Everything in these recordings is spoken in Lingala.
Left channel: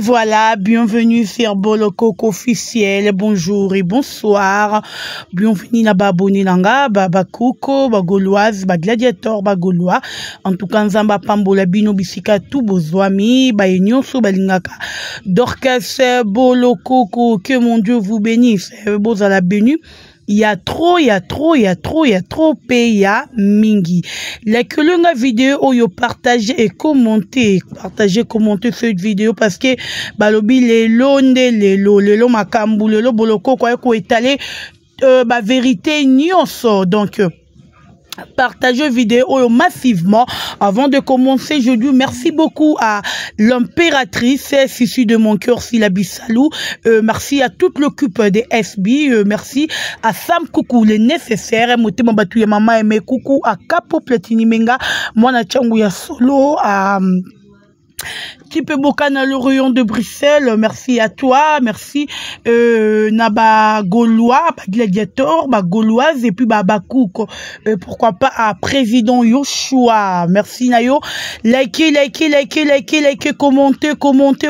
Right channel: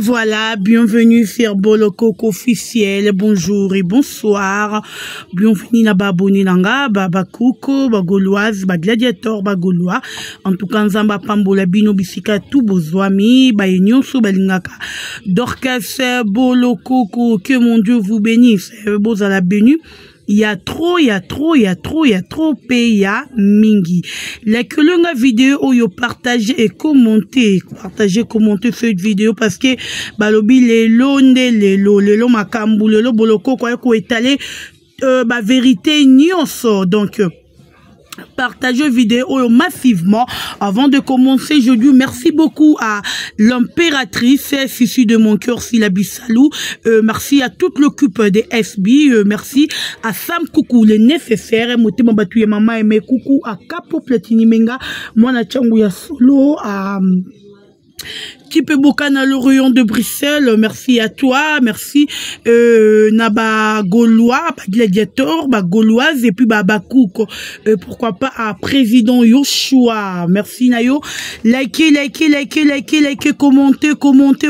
voilà, bienvenue sur Bolokoko officiel, bonjour et bonsoir, bienvenue na baboni nanga, babakuko, bagoloise, bagladiator, bagolois, en tout cas, nzamba pambola bino bisika tout bozwami, bayenyonso balingaka, Dorcas Bolokoko, que mon Dieu vous bénisse, bozala béni. Il y a trop pays mingi. Les que l'on vidéo où yo partagez et commenter cette vidéo parce que balobi les lo makambu le lo boloko quoi ko étaler ba vérité nyonso donc partagez vidéo massivement. Avant de commencer, je dis merci beaucoup à l'impératrice issue de mon cœur, Silabi Salou. Merci à toute l'équipe des SB. Merci à Sam Coucou, le nécessaire. Motema Batouya Mama Aimé Coucou à Capo Platini Menga. Mona Changuya Solo à Kipe Bokana le rayon de Bruxelles, merci à toi, merci Naba Gaulois, Gladiator, Gauloise et puis Babakouk, pourquoi pas à Président Yoshua, merci Nayo, likez,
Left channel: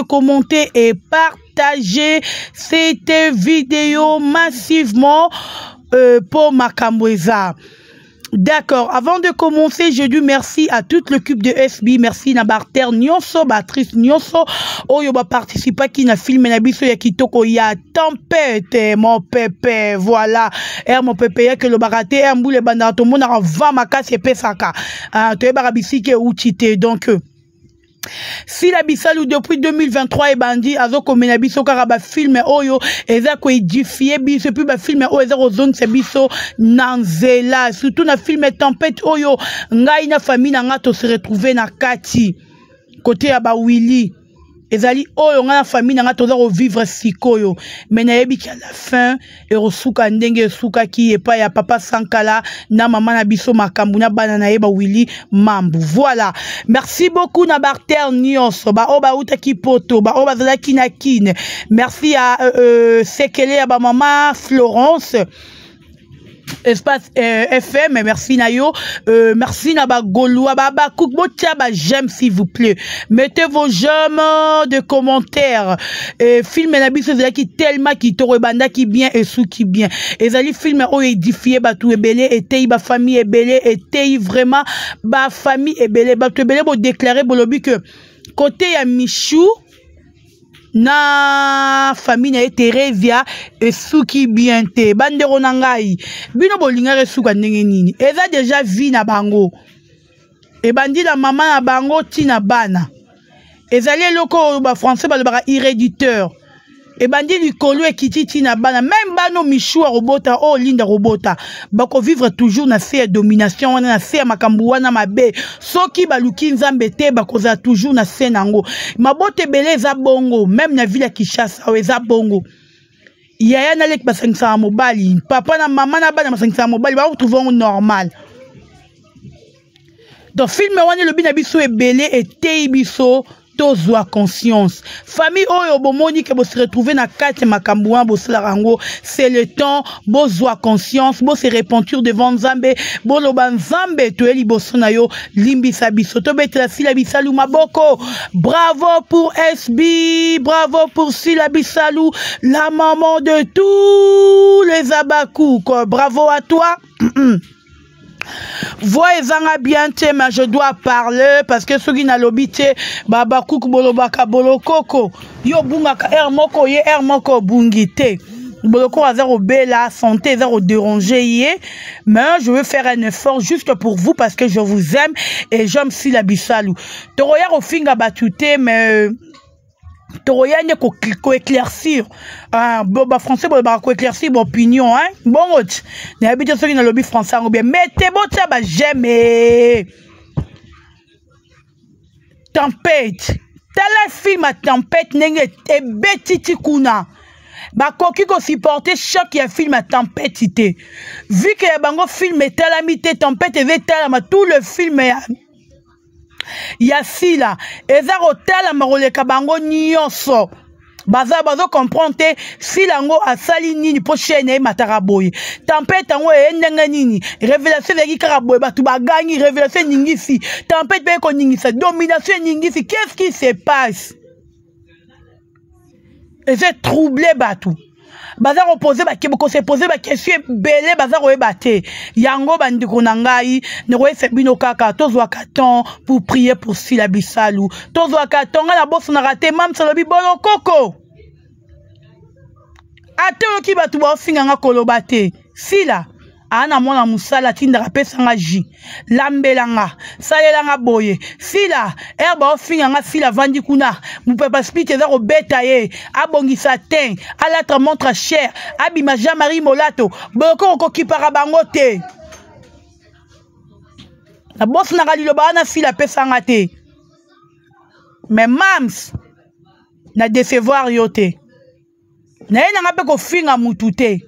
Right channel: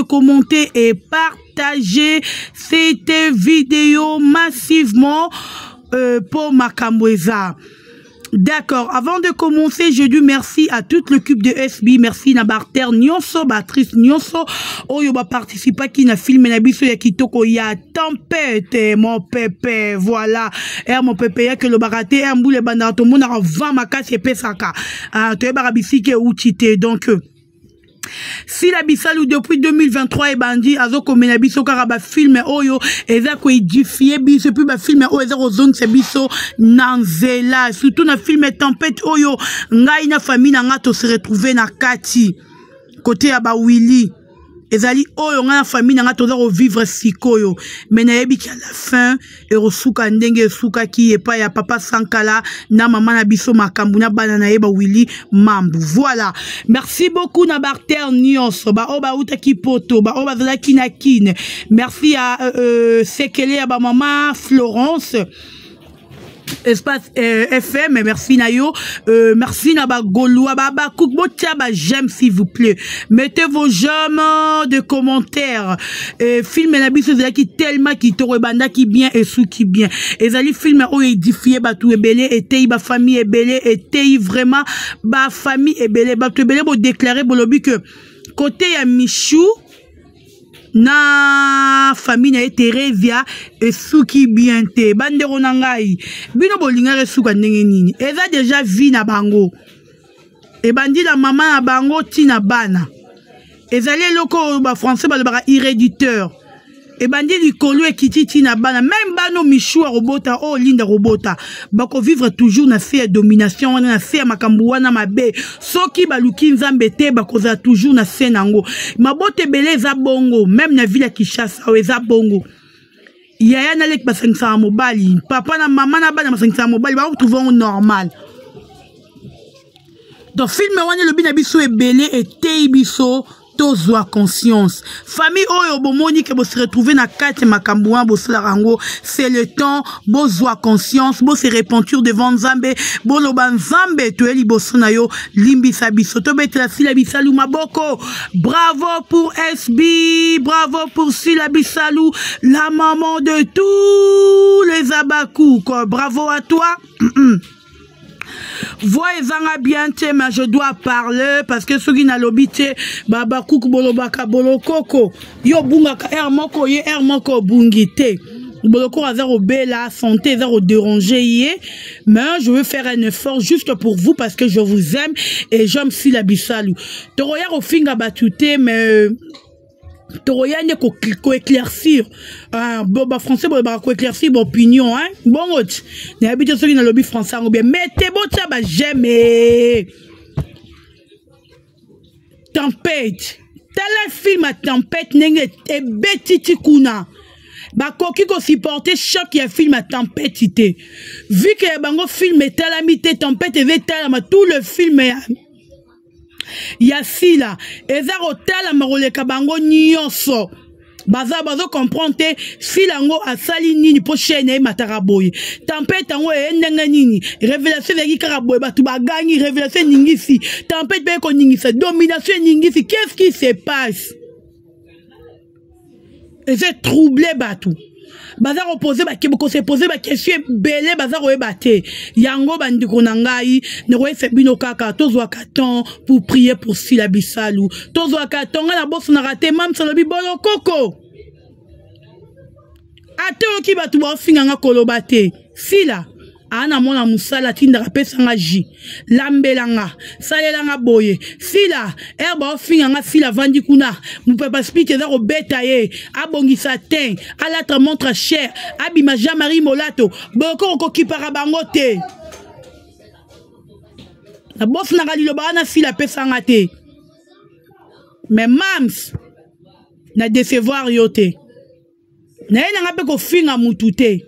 commentez et partagez cette vidéo massivement pour Makamweza. D'accord, avant de commencer, je dis merci à toute l'équipe de SB, merci na Barter Nyonso, Batrice Nyonso, Oyo ba participa qui na filmé na biso ya kitoko ya tempête, mon pépé, voilà, mon pépé ya que le baraté, mboule banda to mona va makasi pesaka, to barabisi ke outité, donc, si la bisalou depuis 2023 et bandi azo komena biso karaba film oyo eza ko édifier biso puis ba film oyo eza ozong se biso nanzela surtout na film tempête oyo ngai na famille na ngato se retrouver na kati côté ya ba Willy ezali oyo nga na famille na ngato za vivre sikoyo mais na yebi à la fin et rosuka ndenge suka ki epa ya papa Sankala na maman na biso makambu na bana na yeba Willy mambu voilà merci beaucoup na Barter Nyonso ba oba uta ki poto ba oba zala kina kine merci à Sekele ya ba maman Florence Espace FM, merci Nayo, merci Naba Gaulois, Baba Kouk, j'aime s'il vous plaît. Mettez vos j'aime de commentaires. Film Nabiso qui tellement qui banda qui bien et sous qui bien. Et zali film o édifié batou ebele et tei ba famille ebele et tei vraiment ba famille ebele batou ebele bo déclarer bolobi que côté ya Michou na famille na Terezia et souki bien te bandero nangai bino bolinga resuka ndenge nini eza déjà vie na bango e bandi la maman na bango tina bana ezali loko ba français ba irréditeur e bandi likolo ekiti tina bana même bano michou robota o linda robota bako vivre toujours na se domination wana na se makambu wana mabe soki baluki nzambe te bako za toujours na se nango mabote belé za bongo même na ville ya Kinshasa eza bongo yaya na lek basengisa mobali papa na maman na bana basengisa mobali ba trouver normal donc film wana le bina biso ebele et tei biso tozwa conscience famille oyo bomoni ke bo se retrouver na kati makambu wan bo sala rango c'est le temps bozwa conscience bo se repentir devant Nzambe bo loba Nzambe to eli boso na yo limbisa biso to betela Silabi Salou maboko bravo pour SB bravo pour Silabi Salou la maman de tous les abakou bravo à toi. Voyez bien mais je dois parler parce que ceux qui n'a l'obité baba kouk bolobaka bolokoko yo bungaka moko ye moko bungite boloko a zéro bella santé zéro déranger mais je veux faire un effort juste pour vous parce que je vous aime et j'aime Silabi Salou toroya au finga batute mais toroya ne ko éclaircir boba français boba ko éclaircir mon opinion hein bon n'a habité ceux qui dans le lobby français ou bien mettez bon tia ba j'aime tempête tel film à tempête nenge e betiti kuna ba koki ko supporter choc ya film à tempête ité vu que bango film est talamité tempête et talama tout le film yasi la eza rotala maroleka bango nyonso bazo comprendre si lango asali nini po chaîne mataraboy tempête ngo endenge nini révélation de karaboy batu bagani révélation ningisi tempête be ko ningisa domination ningisi qu'est-ce qui se passe Et c'est troublé batou. Baza reposer ba keboko se poser ba question belé baza roebate. Yango bandiko nangai ne roe bino kaka tozwa katon pour prier pour Sila Bisalou. Tozwa katon na boss na raté mam salobi bolo koko. Ate oki batu ba finga nga kolobate. Sila ana mona musala tinda pesa nga ji lambelanga salelanga boye Sila erba ofinga nga Sila vandi kuna mupepa speak eza robeta ye abongisa ten alatra montre cher abima Jean-Marie Molato boko okokipaka bango te na boss na galilo bana Sila pesa nga te mais mams na décevoir yo te na yena nga pe ko finga mutu te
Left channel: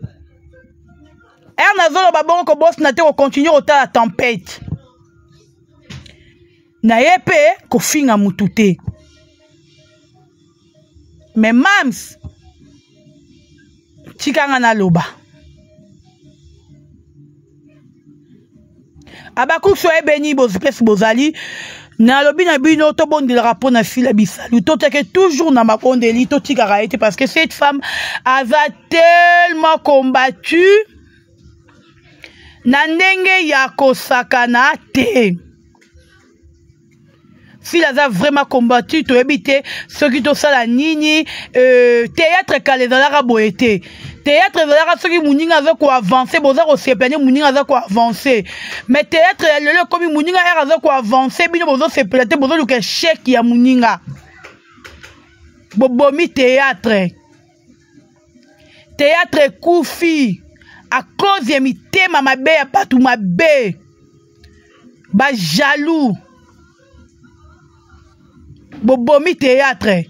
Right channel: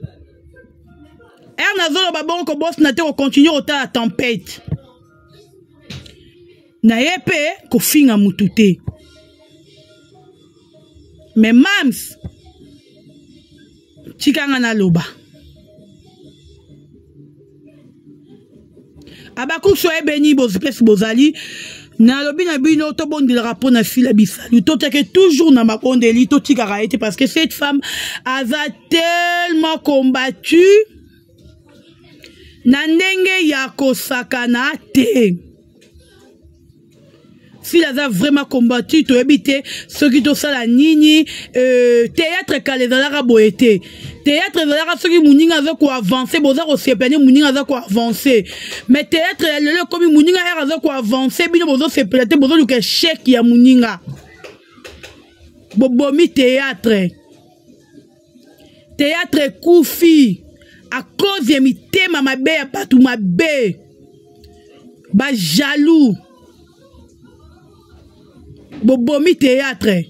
Nazolo babon ko boss na te ko continuer ota la tempête. Na yepe ko finga mutute. Mais mams chikanga na loba. Abakou so e beni boz place bozali na lobi na bino to bon de rapport na Sila Bisalou to teke toujours na mabondeli to tikara été parce que cette femme a tellement combattu na ndenge ya kosakana te. Sila a vraiment combattu to ebite ce qui to sala nini théâtre kalezala boete théâtre zala ce qui muninga za ko avancer boza ko sepene muninga za ko avancer mais théâtre le comme muninga era za ko avancer bino bozo sepelete bozo luka chèque ya muninga bobomi théâtre koufi à cause de mitema mabe ya patu mabe ba jaloux bobomi théâtre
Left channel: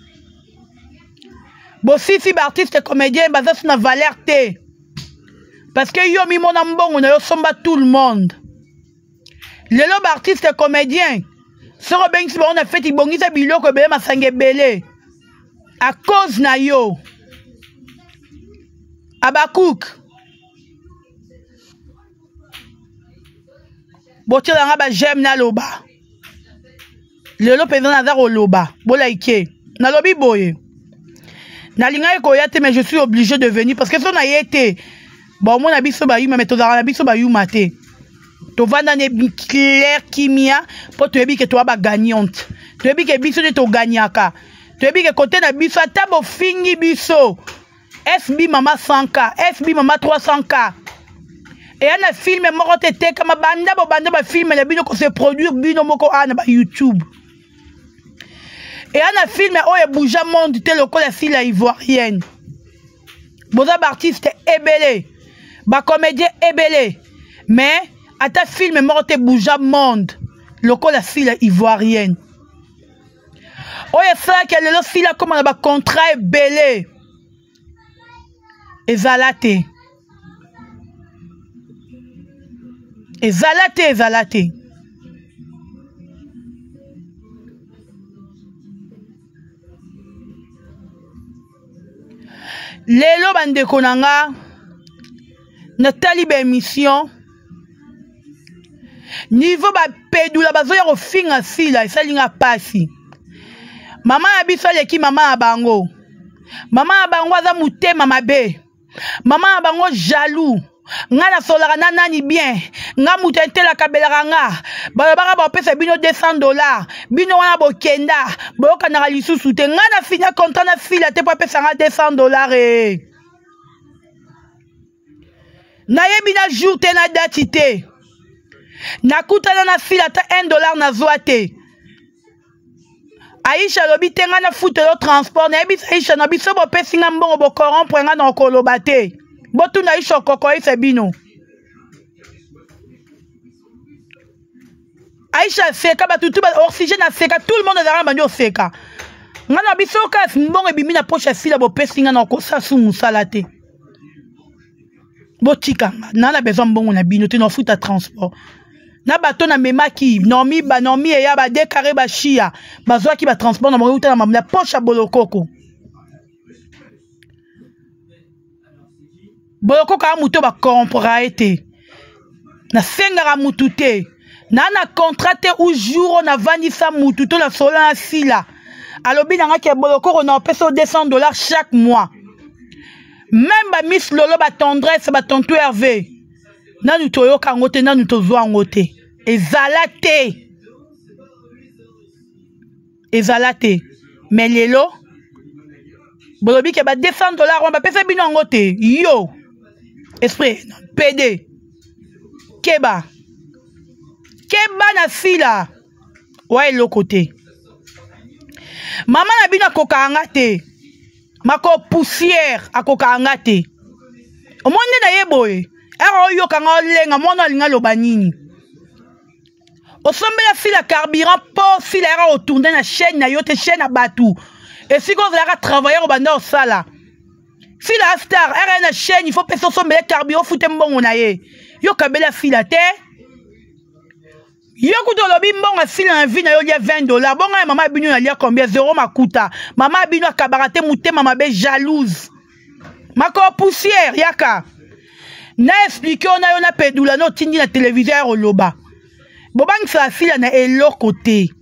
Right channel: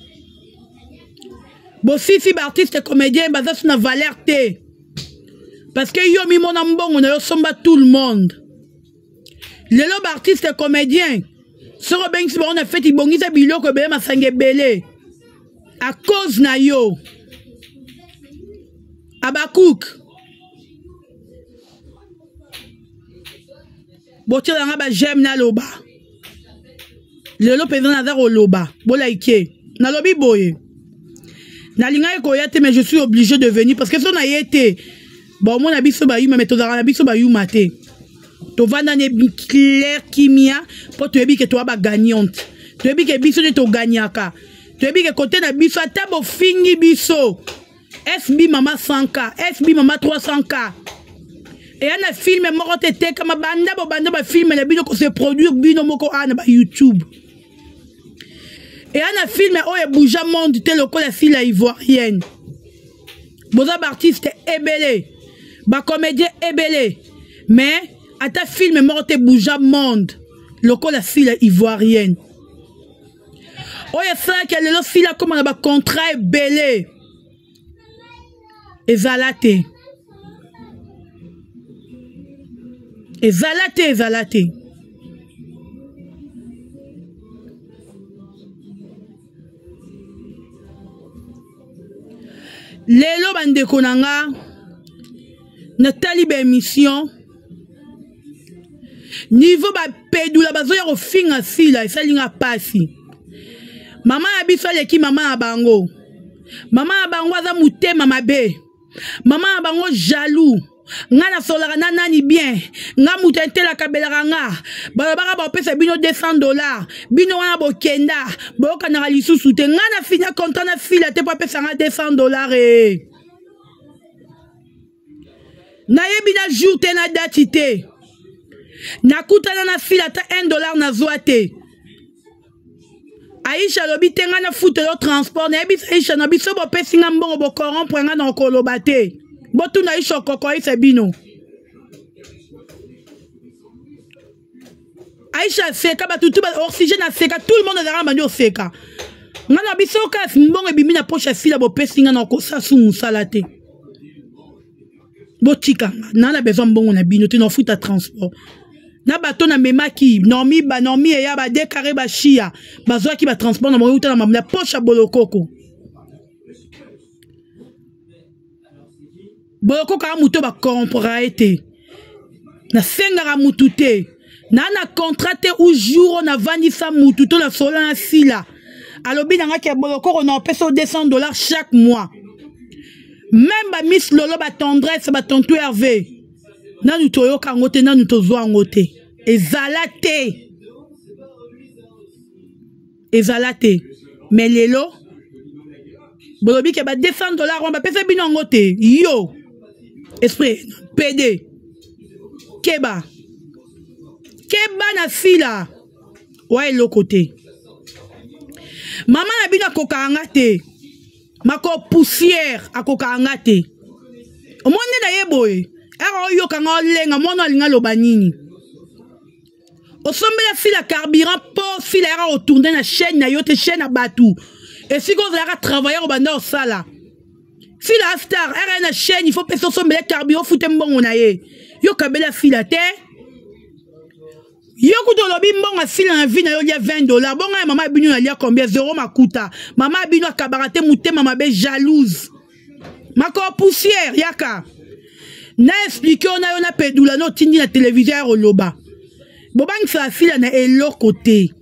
bo sisi ba artiste comédien baza na valeur te parce que yo mi mona mbongo na yo somba tout le monde lelo ba artiste comédien soro bengisi ba on a fait ibongisa biloko be masange belé à cause na yo Abakouk bote la ba j'aime na loba lelo pendant na ko loba bola ike na lobi boye na linga ko yate mais je suis obligé de venir parce que son a été bon mon abiso ba yuma mais to na biso ba yuma te to vanda ne clair kimia pour te bi que toi ba gagnante to bi que biso de to gagnaka to bi que côté na biso atabo fingi biso SB mama 100K SB mama 300K. Et on a filmé moko tete kama banda ba filmé na bino ko se produire bino moko ana ba YouTube. Et on a filmé oye bouja monde te loko la Sila ivoirienne. Boza artiste ebele, ba comédien ebele. Mais ata filmé moko te bouja monde loko la Sila ivoirienne. Oye ça que le Sila comme na ba contrat ebele. Ezalate. Ezalate. Lelo bande konanga na talibe émission niveau ba pedula bazoya ko finga Sila esalinga pasi mama ya biso leki mama ya bango aza mutema mabe mama ya bango jaloux nga na solaka na nani bien nga mutu entela kabelaka nga balobaka bapesa bino $200 bino wana bokenda boyokanaka lisusu te nga na fina contrat na Sila te po apesa nga $200 nayebi na jour te na dati te nakutana na Sila ta $1 nazwa te Aisha lobi te nga na futelo transport nayebi Aisha na biso bopesi nga mbongo bokorompre nga na okoloba te botu na Aisha okoko ise bino Aisha seka batutu ba oxygène seka tout le monde ezala bandi oseka nga na biso kasi mbongo ebimi na poche ya Sila bopesi nga na okosasu musala te botikanga na besoin mbongo na bino te na futa transport na bato na memaki normi eya ba décarré ba chia bazwaki ba transport na mo uta na la poche ya bolokoko ka muto ba comprendre été na sengara mutu te na contrat te ou jour na vandisa mutu to na sola na Sila alobi nanga ke boloko on a peso $200 chaque mois. Même ba Miss Lolo ba tendresse ba tonton Hervé. Nanu toyo kangote nanu tozwa ngote. Ezalate. Ezalate. Mais lelo bolobi ke ba $200 on ba pesa bino ngote. Yo. Esprit PD. Keba. Keba na fila. Ouais le côté. Maman na bino koka ngate. Mako poussière a koka ngate. O monde na yeboy. Ero yo kanga lenga mona linga lobanini. O sombe la fila carburant po fila era retourner na chaîne na yote chaîne à batou. Et si vous voulez travailler au banda au sala. Fila star era na chaîne il faut peso sombe la carburant foutre mbongo na ye. Yo kabela fila te. Yo kuto lobi mbongo fila na vie na yo lia $20. Bonga maman binu na lia combien 0 makuta. Maman binu akabarate mute mama be jalouse. Mako poussière yaka. Na expliqué on a yon pedula no tindi na téléviseur au loba. Bobang sa fila na elo côté.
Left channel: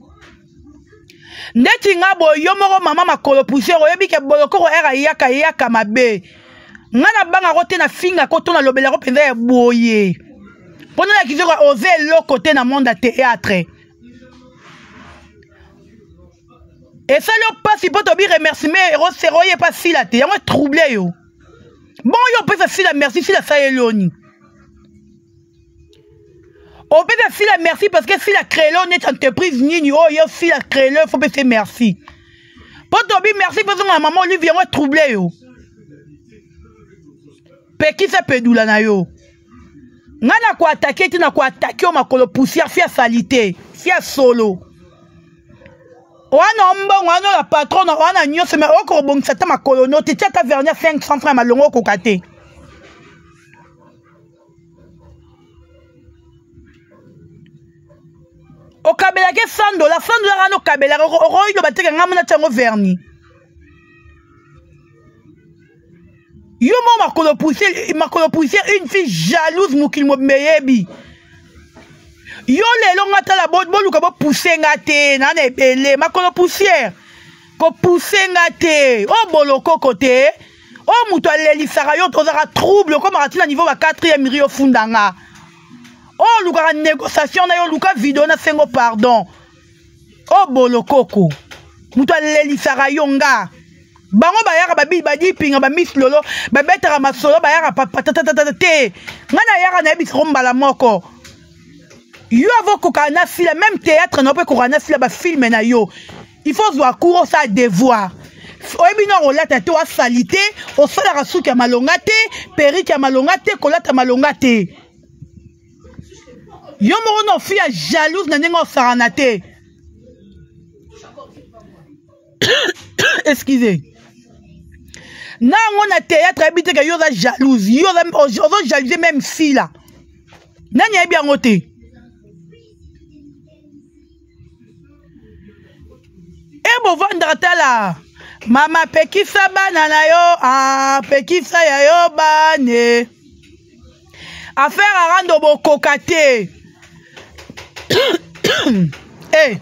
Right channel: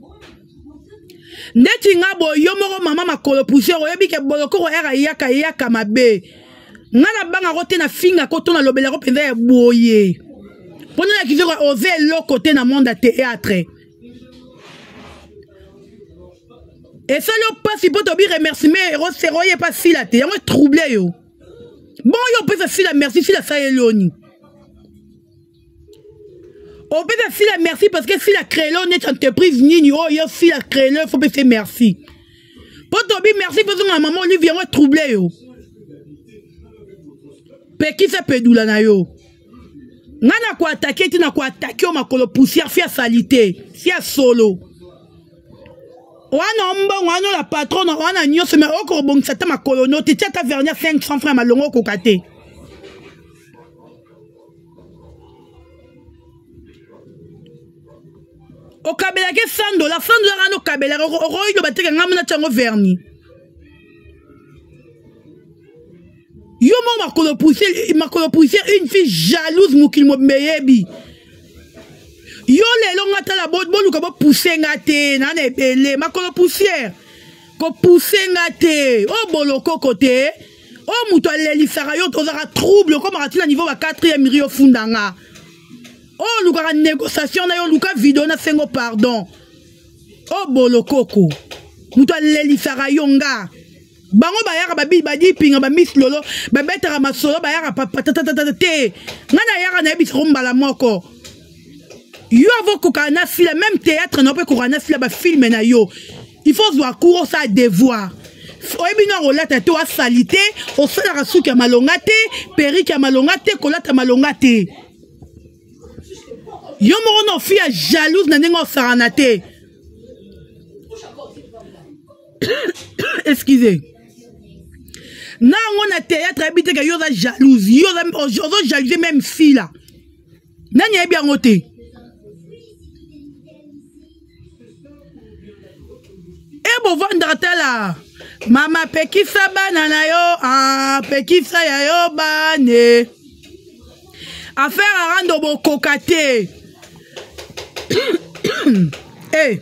Neti nga bo yo moro mama makolo poussière oyebi ke boloko era yaka mabe. Nga na banga rote na finga koto na lobela ko penza ya boye. Pona la kizo ose elo côté na monde théâtre. Et ça yo pas si poto bi remerciement ero seroye pas fila te. Yango troublé yo. Bon, yo peut faire la merci si la ça est loni. On peut faire la merci parce que si la créé n'est entreprise ni oh yo si la créé faut faire merci. Pour toi merci parce que ma maman lui vient troubler yo. Pe qui ça peut doula na yo. Ngana ko attaquer tu na ko attaquer o makolo poussière fia salité, fia solo. Wana mbongo wana la patron wana nyose me oko bongisa ta makolo no ti ta vernia 500 francs malongo ko kate. O kabela ke $100 no kabela ro ino bateka ngamna tango verni. Yo mo makolo poussière une fille jalouse mukil mo meyebi. Yo lelo ngata la bot boluka bo pousser ngate na nebele makolo poussière ko pousser ngate o boloko côté o muto lelisaka yo tozaka trouble comme atina niveau ba 4e rio fundanga o luka négociation na yo luka vidéo na sengo pardon o boloko ko muto lelisaka yo nga bango bayaka babi badi pinga ba Miss Lolo ba betara masolo bayaka te ngana yaka na ebisi rombala moko. Yo avoco kana si la même théâtre non peut qu'on si la film na yo. Il faut voir cours ça devoir. Oyebi no rolata to salité, o sala rasuki ya malongate, periki ya malongate, kolata malongate. Yo moro no fia jalouse na nengo saranate. Excusez. Na ngona théâtre habite que yo za jalouse, yo za jalouser même si là. Nanya bien ngote. Et bon vendre là. Mama pekisa banana yo, pekisa ya yo bane. Affaire à rendre bo kokate. Eh.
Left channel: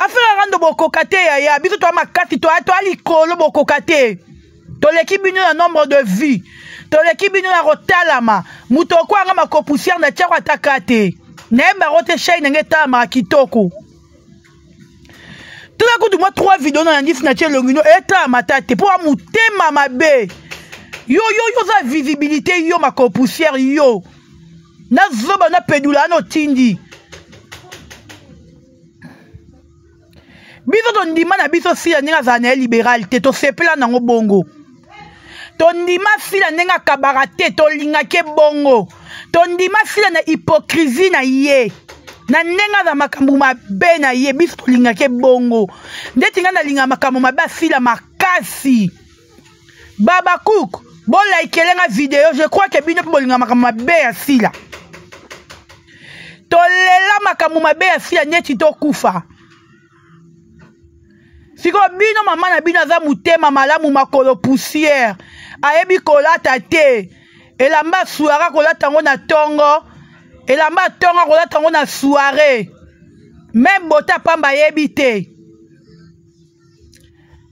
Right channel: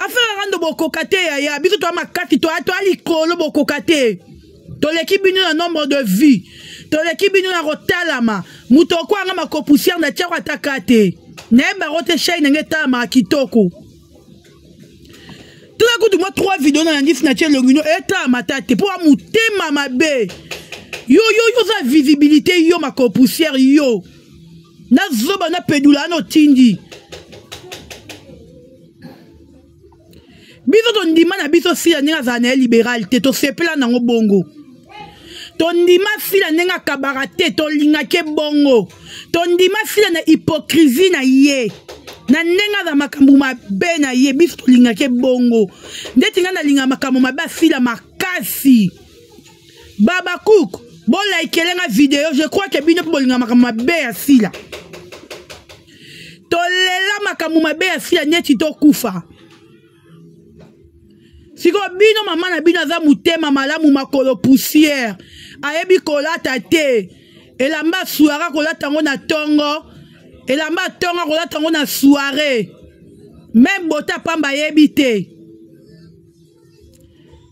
Affaire à rendre bo kokate ya biso to makati to alikolo bo kokate. To l'équipe binu na nombre de vie. To l'équipe binu na rotalama. Muto kwa nga makopoussière na tia atakate. Neba rote shay ngeta ma kitoko. Tout à coup de moi 3 vidéos dans la liste nature longino eta matate pour amouter mama be. Yo za visibilité yo ma poussière yo. Na zoba na pedula no tindi. Biso to ndima na biso si ninga za na libéralité to sepela na bongo. To ndima si la ninga kabarate to linga ke bongo. To ndima si la na hypocrisie na ye. Na nenga za makambu mabe na ye biso linga ke bongo ndeti nga na linga makambu mabe asila makasi baba cook bon like lenga vidéo je crois que bino po linga makambu mabe asila to lela makambu mabe asila neti to kufa siko bino mama na bino za mutema malamu makolo poussière ayebi kolata te elamba suara kolata ngo na tongo. Et la matonga rola tango na soirée. Même bota pamba yebite.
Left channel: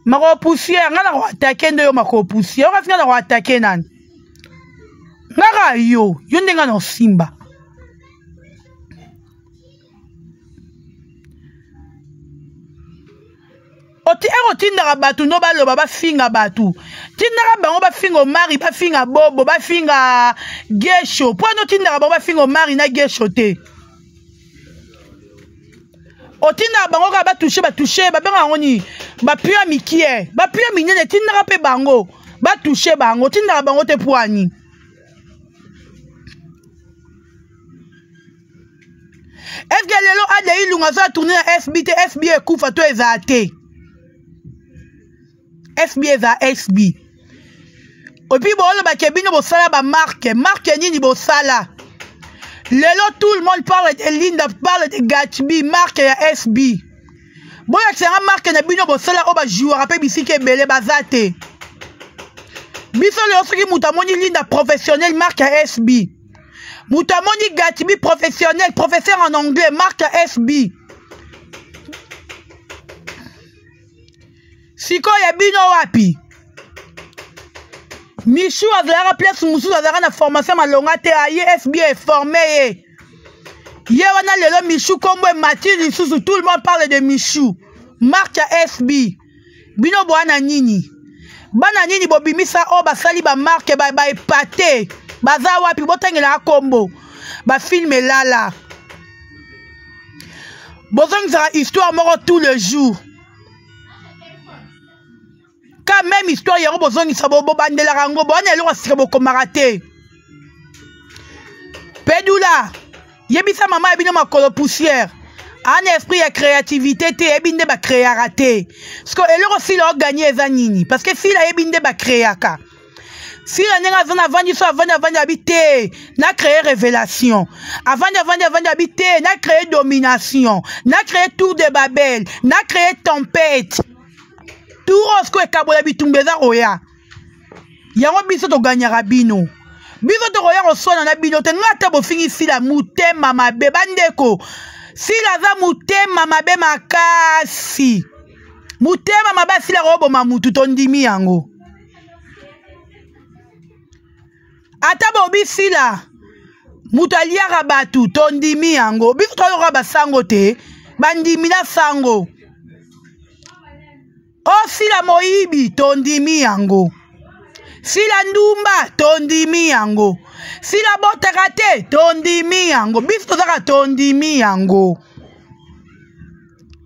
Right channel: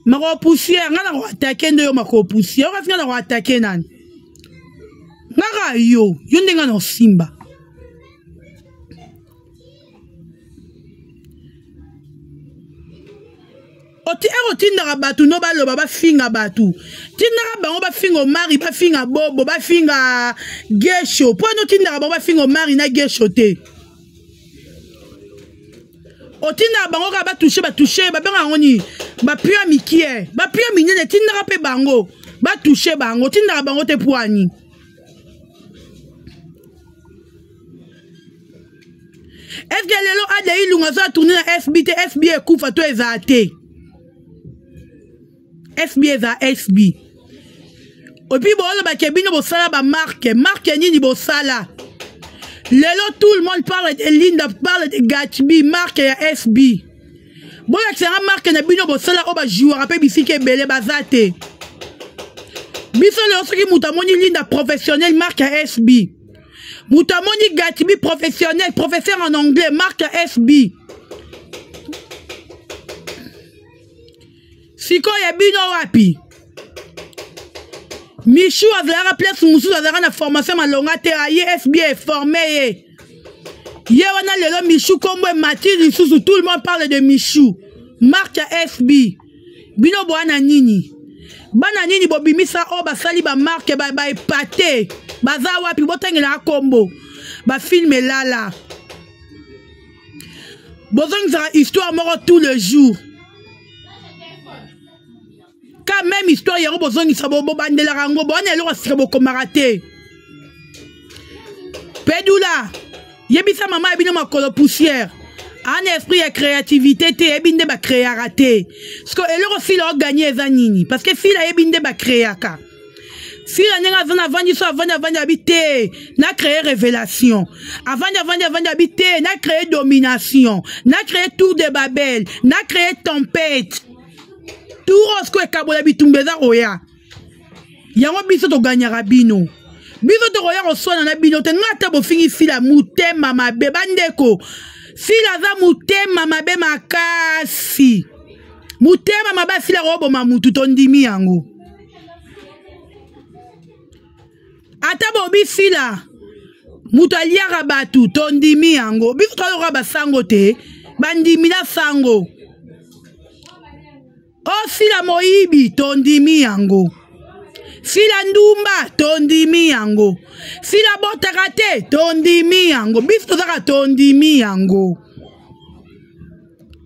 Mako poussière, nga na attaquer nde mako poussière. Ora fina na attaquer nani. Nga yo ndenga na simba. Tindaka batu no baloba bafinga batu. Tindaka bango bafinga mari, bafinga bobo, bafinga gesho. Po no tindaka bango bafinga mari na gesho te. Tindaka bango ka batouche, babenga ngoni, bapia mikie, bapia minene tindaka pe bango, batouche bango, tindaka bango te poani. Est-ce que lelo ade ilunga za tourner na SB te SB ekufa to ezate. SB eza SB. Opi bolo ba kebino bo sala ba marque nini bo sala. Lelo tout le monde parle de Linda, parle de Gatsby, marque ya SB. Bola tsanga marque na bino bo sala o ba joueur pe bisike belé bazate. Biso le osoki mutamoni Linda professionnel marque ya SB. Mutamoni Gatsby professionnel, professeur en anglais, marque ya SB. Siko ya bino wapi? Michou a place Moussou a na formation malonga te aye SB est formé. Hier on a le Michou comme Mathilde sous tout le monde parle de Michou. Marque ya SB. Bino boana nini? Bana nini bobimisa o basali ba marque ba epate. Baza wapi botengela kombo. Ba filme lala. Bozong za histoire moro tous les jours. Quand même histoire yaro bozongi sabo bandela rango bonne lo sabo komarate. Pedula. Yebisa mama ebino makolo poussière. Un esprit ya créativité te ebinde ba créer raté. Parce que eloko si lo gagner ezanini parce que si la ebinde ba créer ka. Si la nenga zona vandi so avant habiter, na créer révélation. Avant habiter, na créer domination, na créer tour de Babel, na créer tempête. Tout rosco e kabola bitumbeza roya. Yango biso to gagnera bino. Biso to roya osona na bino te ngata bo fingi si la mutema mabe bandeko. Si la za mutema mabe makasi. Mutema mabe si la robo mamutu tondimi yango. Ata bo bisi la mutalia rabatu tondimi yango. Biso to roba sango te bandimi la sango. Oh si la moibi tondimi yango. Si la ndumba tondimi yango. Si la botakate tondimi yango. Biso zaka tondimi yango.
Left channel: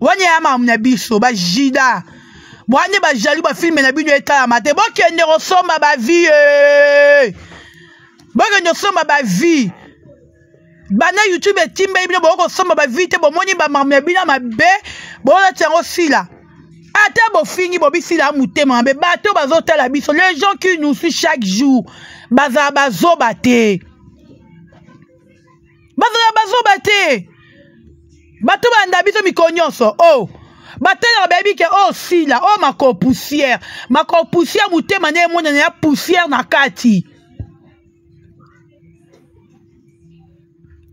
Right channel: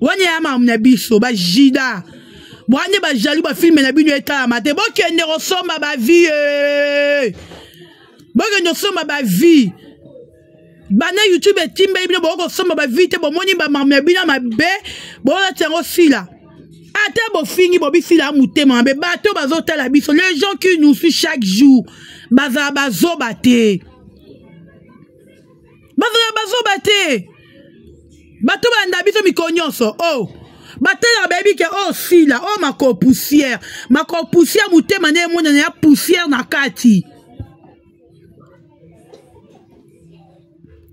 Wanye yama mna biso ba jida. Wanye ba jali ba filme na bino eta mate. Boke ne resomba ba vie. Boke ne resomba ba vie. Bana YouTube timbe bino boko somba ba vie te bo moni ba mamna bino mabe. Bo la tiango si la. Ata fingi bobisi la mutema be bato bazota la biso les gens qui nous suivent chaque jour baza bazo bate bato banda biso mikonyoso oh bato la baby ke oh si la oh mako poussière mutema ne mona na poussière na kati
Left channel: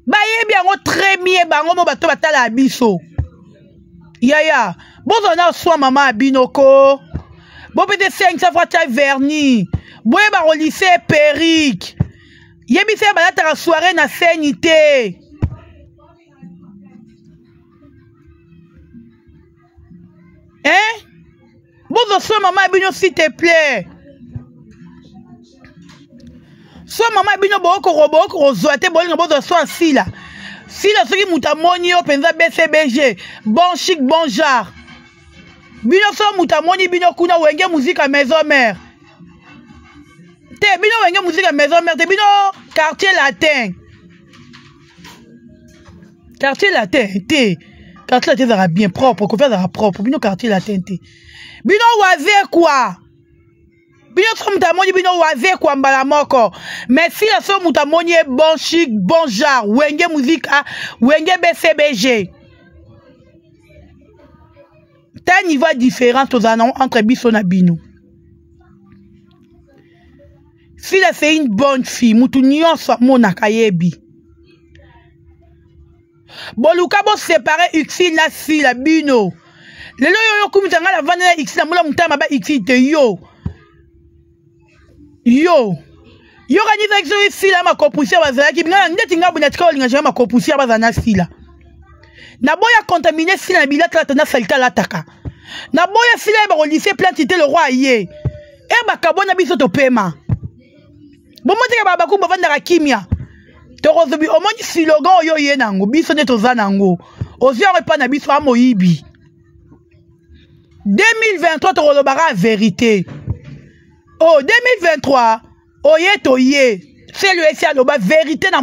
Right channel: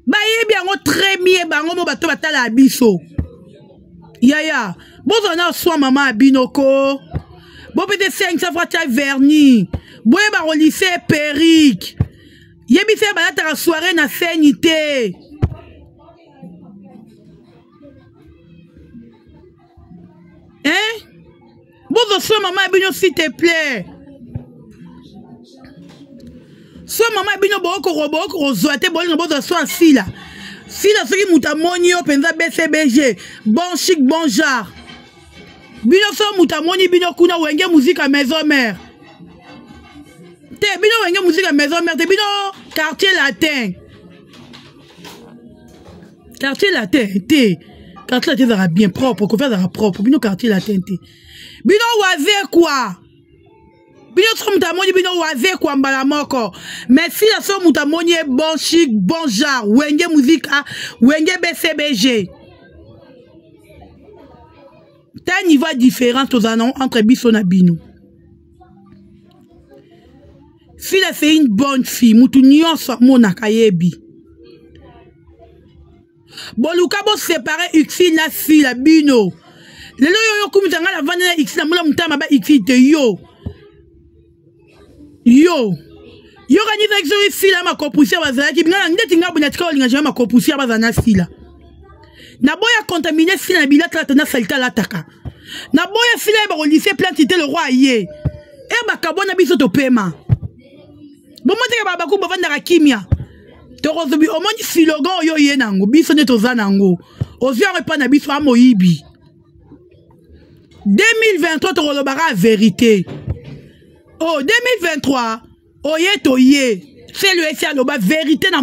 ba yebi yango très bien bango mo bato batala biso yaya. Bon, on a soit maman à binoko. Bon, peut-être 500 fois taille vernis. Bon, il va au lycée Péric. Il y a bien la soirée na sénité. Hein? Bon, soit maman à binoko, s'il te plaît. Soit maman à binoko, bon, zoate, bon, soit si là. Si là, ce qui moutamoni, penza BCBG. Bon chic, bon genre. Bino so mutamoni bino kuna wenge musique à maison mère. Te bino wenge musique à maison mère te bino quartier latin. Quartier latin te. Quartier latin sera bien propre, qu'on fait sera propre. Bino quartier latin te. Bino waze quoi? Bino so mutamoni bino waze quoi mbala moko. Mais si la so mutamoni bon chic, bon genre, wenge musique à wenge BCBG. T'as un niveau différent entre biso na bino. Si là c'est une bonne fille, mutu nyonso mona kayebi. Boluka bo séparer une fille la bino. lelo yo kumutanga la vanda na X na mula mutama ba X te yo kanisa kiso sila makopusia bazalaki binga ndeti ngabu na tika olinga jama makopusia bazana sila na boya contaminer sila na bilata la na salita la taka na boya sila ba ko lycée plantité le roi yé e ba kabona biso to pema bon mote ke ba ku ba vanda ka kimia to rozobi o moni slogan yo yé nango biso ne to zanango ozia repa na biso amoyibi 2023 to rolobara vérité oh 2023 oye to ye c'est le SA loba vérité na